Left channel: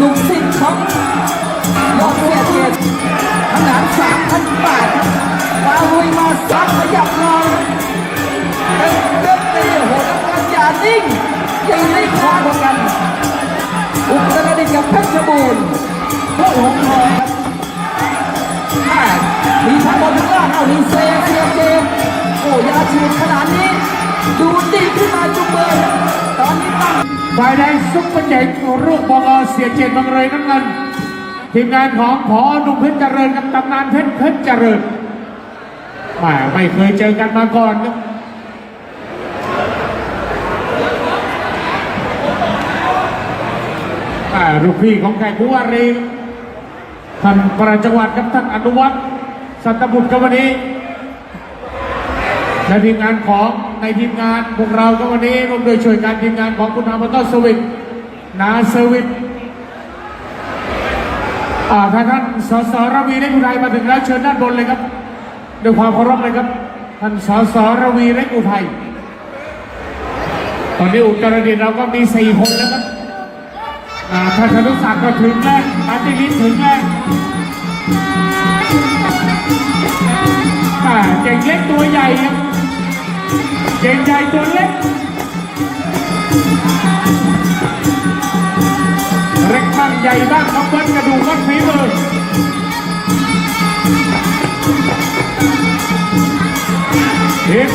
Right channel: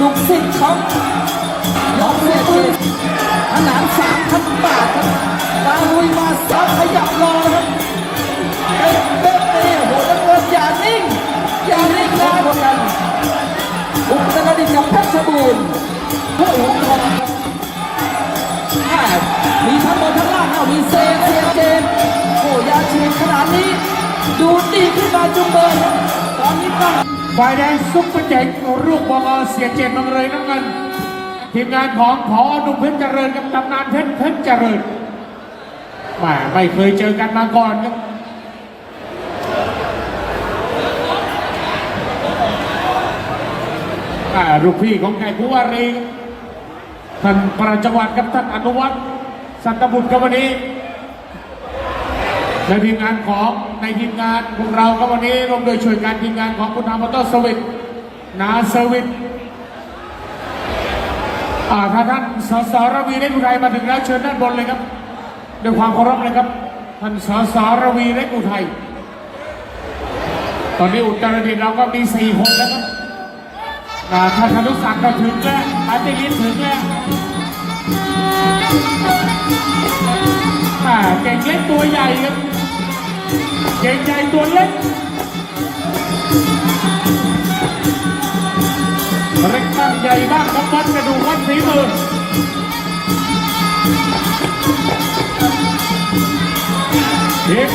ลูกศิษย์ของยอดเสียเจนขนาดสามพันบาทครับมาลุยมาซักขยับรอครับเป็นเต้นตีโหนักเรียนอย่านิ่งอย่านิ่งนะเหมือนกัน อุตรดิตถ์กับเพชรบูรณ์ผู้หงทองครับแม่มีทั้งบนทั้งล่างเอามีเซเซียเจนโอ้ยาชีขนาดนี้ ดูดีขึ้นมาจุงเบยครับตอนนี้ตั้ง ฝ่ายแดงซุปเปอร์เจ๋งรูปบอเสียเจนบังเลยน้ำเงินทีมงานของพอนุ่มเพชรเจริญกับตำนานเพชรเพชรเจริญมาไม่เคยเจอกันมาก่อนครับลูกพี่ของไก่ผู้วารีท่านประจังหวัดกับท่านอนุวัฒน์สัตบุตรกับวันนี้และทีมงานของ ในทีมงานพวกเราก็วันนี้ร่วมโดยช่วยการทีมงานของคุณธรรมต้นสวิทนาสวิทอาท่านท่านสสระวีเล็กอุทัยมาถึงแล้วเชิญด้านบนเลยครับด้วยความเคารพเลยครับท่านสสระวีเล็กอุทัยตอนนี้อุตรดิตถ์เราก็มีสี่คนแล้วครับอาท่านธนุศักดิ์ก็ถึงแล้วปาติลิศถึงแล้วอ่าเก่งเล็กตัวใหญ่ครับ เก่งใจตัวเล็กเล็กบ้างใหญ่บ้างครับวัดกระดูกวัดฝีมือเด็ก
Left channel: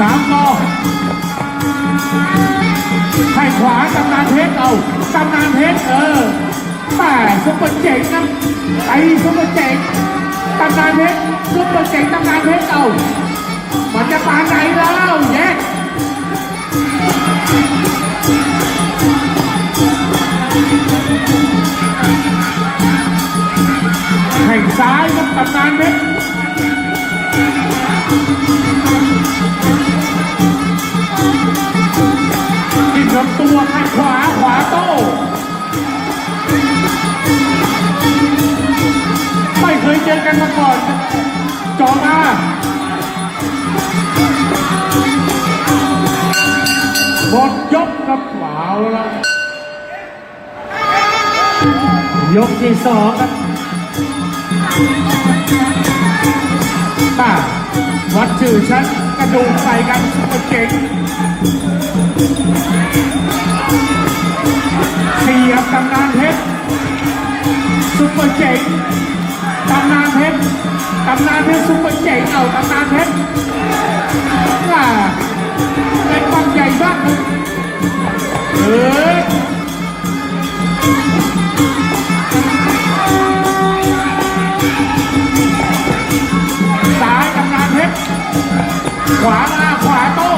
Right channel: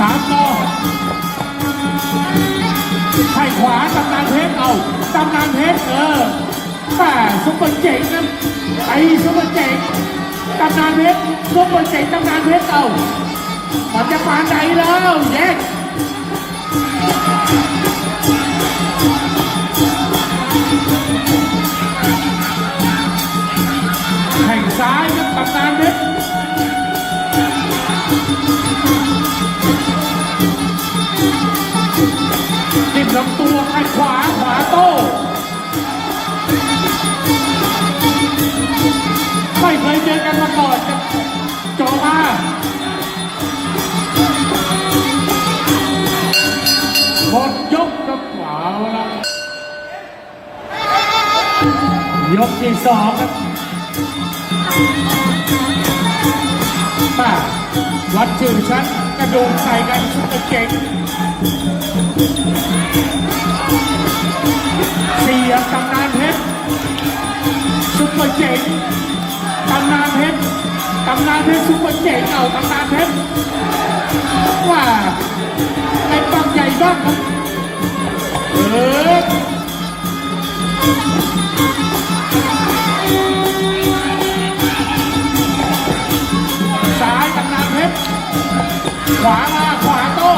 สามนอให้ขวาตำนานเพชรเอาตำนานเพชรเออแม่ซุปเปอร์เจ๋งนะไอ้ซุปเปอร์เจ๋งตำนานเพชรซุปเปอร์เจ๋งตำนานเพชรเอามันจะปานไหนแล้วแยกแข่งซ้ายครับตำนานเพชร ขวาขวาโต้ไม่เคยเจอกันมาก่อนจอมาหมดยกกับขวาแล้วยกที่สองป้าวัดชื่อฉันกระดูกใส่กันซุปเปอร์เจ๋ง เสียบตำนานเพชรซุปเปอร์เจ๋งตำนานเพชรตำนานเพชรซุปเปอร์เจ๋งเอาตำนานเพชรว่าในบางใหญ่บ้างเออซ้ายตำนานเพชรขวามาขวาโต้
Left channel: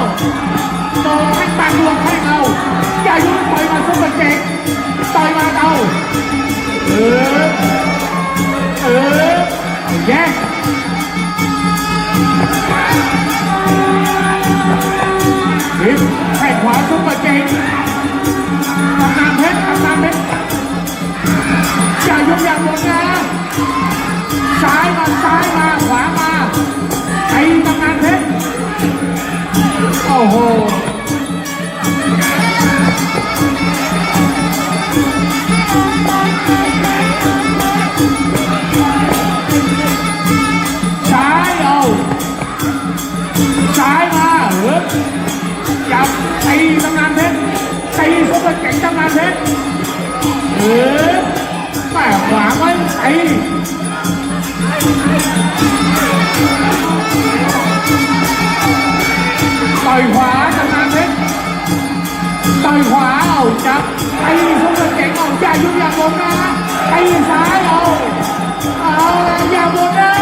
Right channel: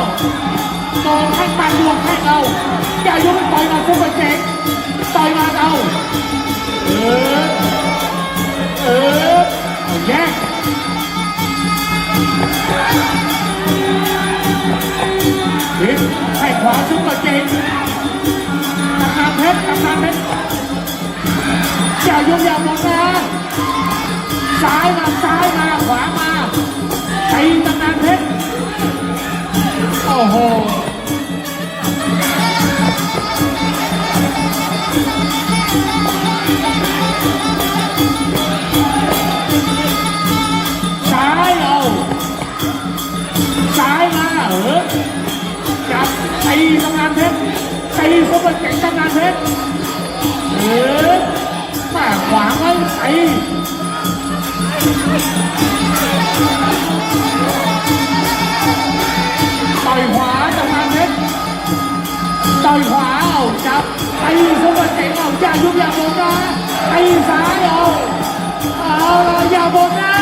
โต้ให้มาดวงให้เรา อย่ายุ่งต่อยมาซุปเปอร์เจ๋งต่อยมาเอาเออเออเอาแยกบิดให้ขวาซุปเปอร์เจ๋งตำนานเพชรตำนานเพชรอย่ายุ่งอย่าหมดนะซ้ายมาซ้ายมาขวามาไอ้ตำนานเพชรโอ้โห เพชรเออแต่ขวาไม่ไปต่อยขวาจะมาเพชรต่อยขวาเอาจับไอ้พวกเก่งออกจากยุบยาบนนะไอ้ขาเอาเอายาบนนะ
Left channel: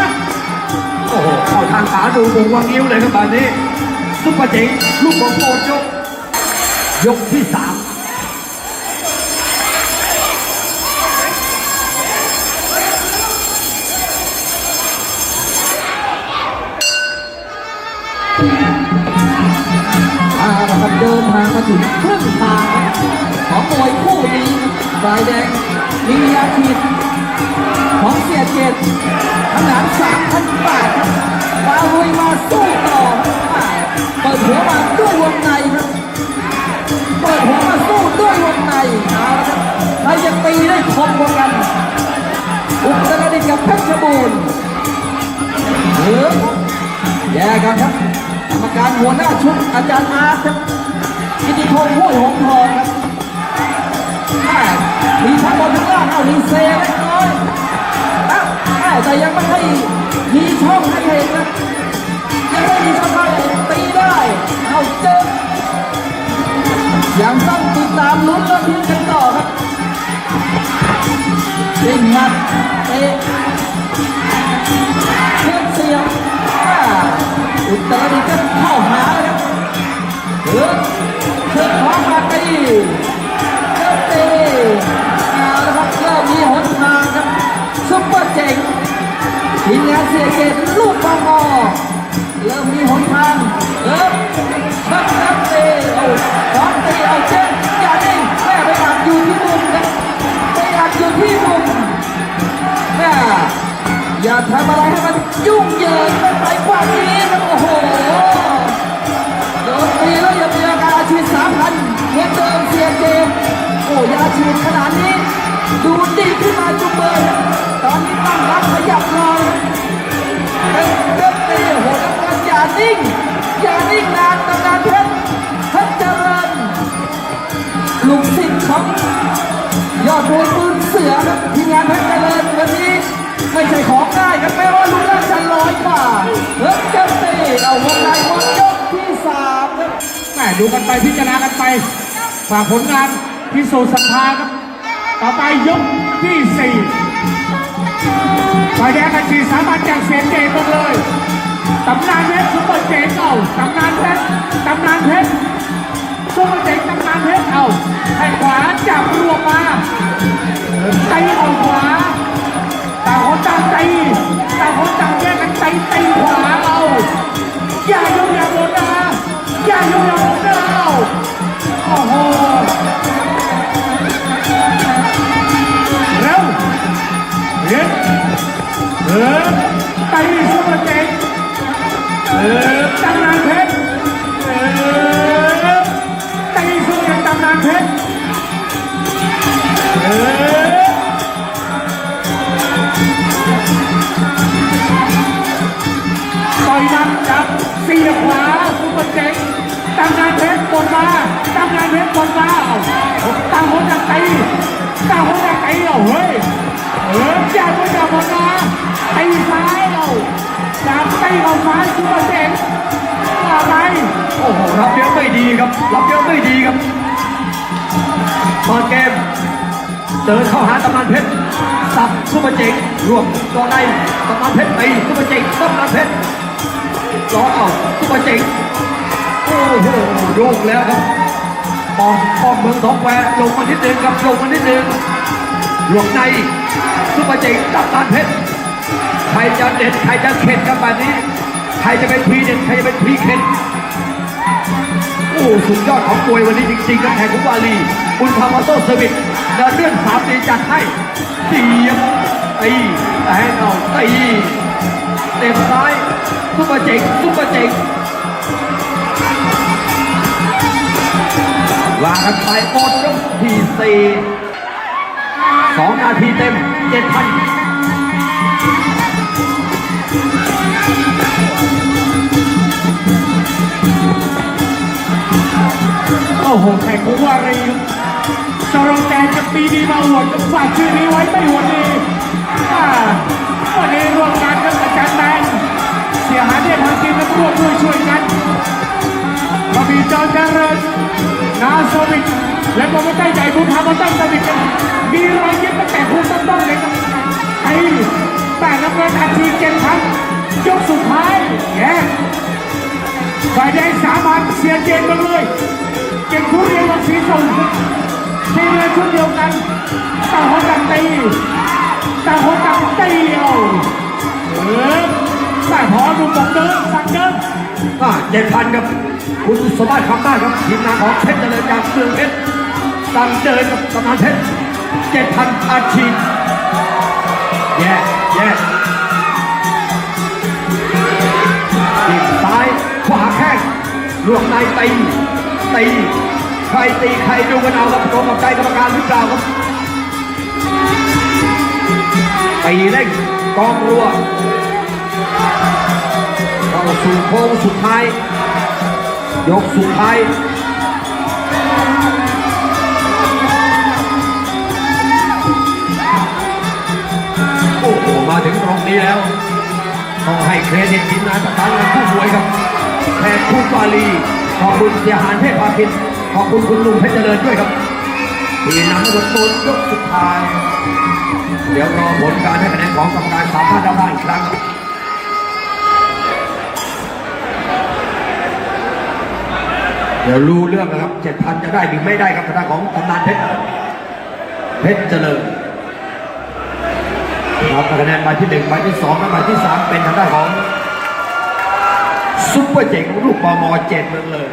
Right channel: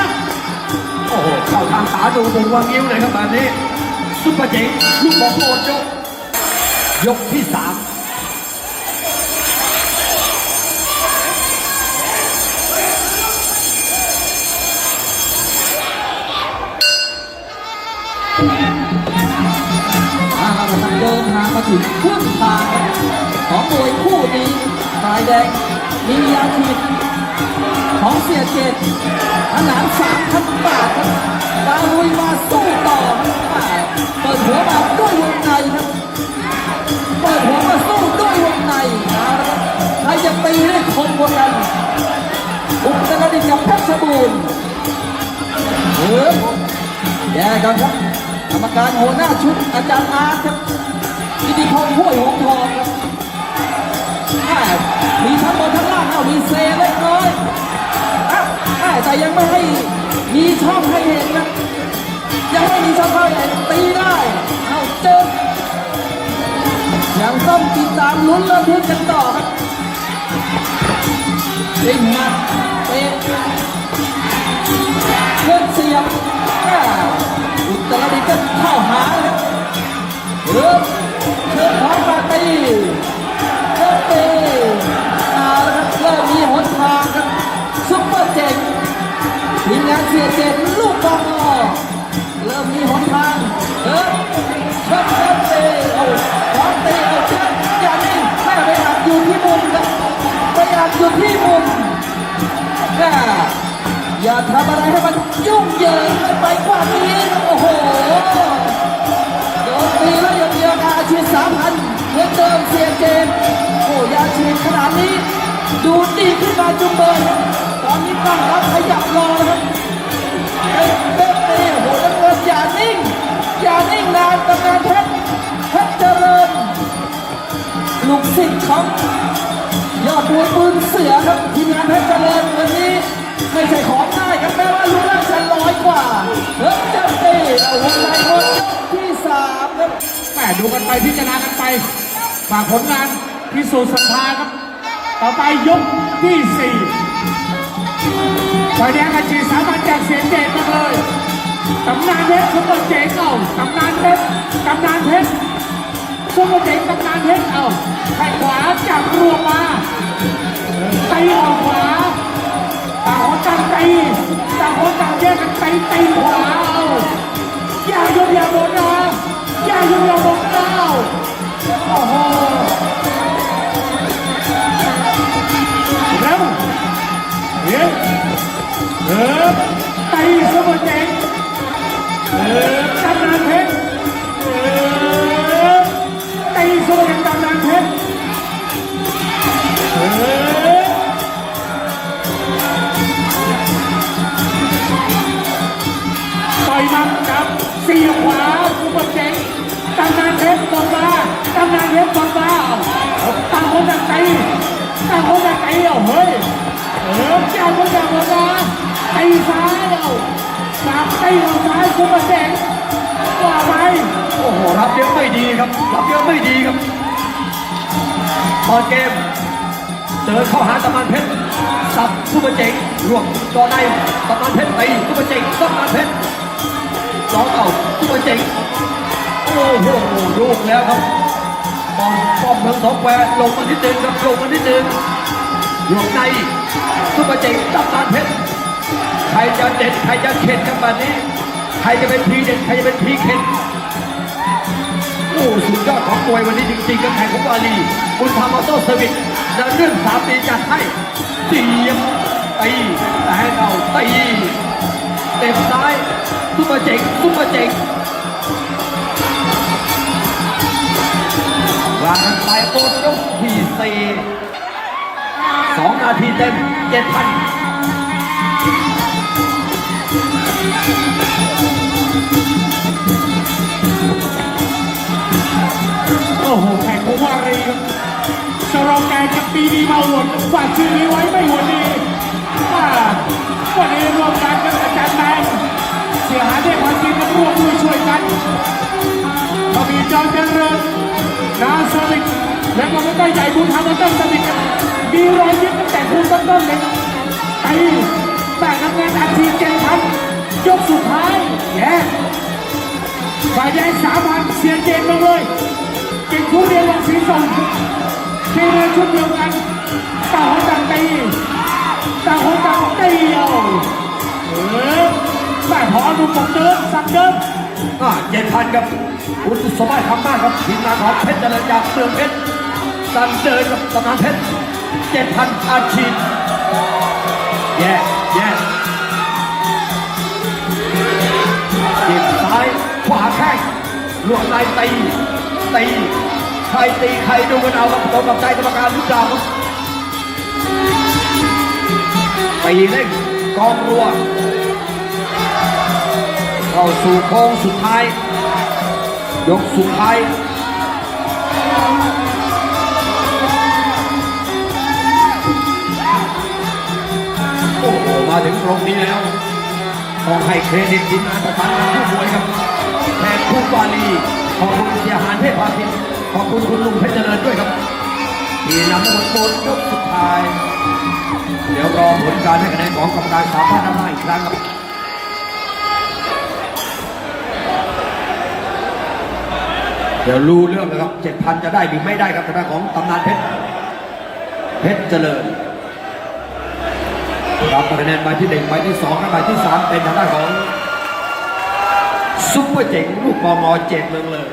โอ้โหเข้าทางขาดูดูว่างิ้วเลยครับตอนนี้ซุปเปอร์เจ๋งลูกบอลโปยกยกที่สาม มาถึงครึ่งทางของมวยคู่นี้ฝ่ายแดงมียาฉีดของเสียเจตขนาดสามพันบาทครับมาลุยมาสู้ต่อเปิดหัวมาด้วยวงในครับเปิดหัวมาสู้ด้วยวงในเอาละครับใครจะตีได้คมกว่ากันอุตรดิตถ์กับเพชรบูรณ์เออแย่กันครับกรรมการหัวหน้าชุดอาจารย์อาร์ตครับ กิติพงศ์ห้วยหงทองครับมีชั้นบนทั้งล่างเอาดีเซเล็กน้อยแต่ยังไม่ให้มีช่องให้เห็นครับยังไม่มีช่องให้ตีได้เอาเจ็บยังต้องติดตามลุ้นระทึกกัน ดูดีขึ้นมาจุงเบยครับตอนนี้ตั้งรับขยับรอครับเป็นเต้นตีโอ้โหนักเรียนอย่านิ่งอย่านิ่งนานตำนานเพชรเพชรเจริญลูกศิษย์ของยอดมวยปืนเสือครับทีมงานเพชรเจริญวันนี้ไม่ใช่ของง่ายครับแม้ว่ารู้น่างจะร้อยกว่าเฮ้ยเจ้าตีเอาวงในหมดยกที่สามครับแม่ดูกันไปพิจารณากันไปฝากผลงานพิสูจน์ศรัทธาครับ ต่อไปยกที่สี่ฝ่ายแดงอาชีสามารถจากเสียงเจนหมดเลยตำนานเพชรซุปเปอร์เจ๋งเอาตำนานเพชรตำนานเพชรซุปเปอร์เจ๋งตำนานเพชรเอาให้ขวาจับรวมมา สามตีออกซ้ายซุปเปอร์เจ๋งว่าไปโอ้โหรับเยอะไม่ดีครับรับเยอะไม่ดีครับตอนเกมเดินเข้าหาตะมันเพชรสับซุปเปอร์เจ๋งรวมตัวในตะมันเพชรตีซุปเปอร์เจ๋งตะมันเพชรล้อเอาซุปเปอร์เจ๋งโอ้โหลูกแล้วครับปอมปอมเมืองทองแควลงมานิดนึงครับลงมานิดนึงหลวงในซุปเปอร์เจ๋งตะมันเพชร ใครจะเด็ดใครจะเข็ดครับแบบนี้ ใครจะเป็นพีเด็ดใครจะเป็นพีเข็ดโอ้สุดยอดของมวยวันนี้จริงๆกับแข่งของวาลีบุญธรรมออโต้เซอร์วิสจะเรื่องสามตีจัดให้เสียบตีแต่ให้เราตีเต็มซ้ายซุปเปอร์เจ๋งซุปเปอร์เจ๋งวางกันไปโอดยกที่สี่สองนาทีเต็มเจ็ดพัน โอ้โหแข่งของวารีครับสโรแกนกับปีดีมาหวนฝากชื่อนี้ไว้ไม่หวนดีวันนี้ร่วมงานกับอาจารย์แมนเสียหายได้ความจริงกันร่วมด้วยช่วยกันมามีจอนเจริญนาโซวิกและก็ไม่ใกล้ใหญ่บุญธรรมต้นสวิกกันมีรอยยิ้มตั้งแต่คุณต้นๆเลยครับไอ้ แต่น้ำเงินอาชีพเจนพันยกสุดท้ายแย่ฝ่ายแดงสามพันเสียเจนมาเลยเป็นคู่เรียนวังสีส่งเทเรือชุดเดียวกันต่างคนต่างตีต่างคนต่างตีเดียวเออใส่หอดูปกเดินสั่งเดินเจ็ดพันครับคุณสมบัติคำมากครับทีมงานของเพชรเจริญจากเมืองเพชรสั่งเดินกับตำนานเพชรเจ็ดพันอาชีพแย่ แย่ตีซ้ายขวาแข้งลวงในตีตีใครตีใครดูกันเอาครับตรงกับใจกรรมการหรือเปล่าครับตีเร่งกองรัวเข้าสู่โค้งสุดท้าย ยกสุดท้าย ถึงตรงนี้แล้วต้องให้เครดิตทีมงานประธานผู้มวยครับแทนคุณวาลีขอบคุณเสียหานเทพพาคินขอบคุณคุณลุงเพชรเจริญด้วยครับที่นำมาบนโตนยกสุดท้าย เดี๋ยวรอผลการให้คะแนนของกรรมการสามท่านด้านล่างอีกครั้งครับเดี๋ยวรู้เรื่องนะครับเจ็ดพันจะได้หรือไม่ได้ครับทางด้านของตำนานเพชรเพชรเจริญ รับคะแนนใบที่หนึ่งใบที่สองและใบที่สามเป็นทางด้านของซุปเปอร์เจ๋งลูกมอมอเจ็ดเมืองเลย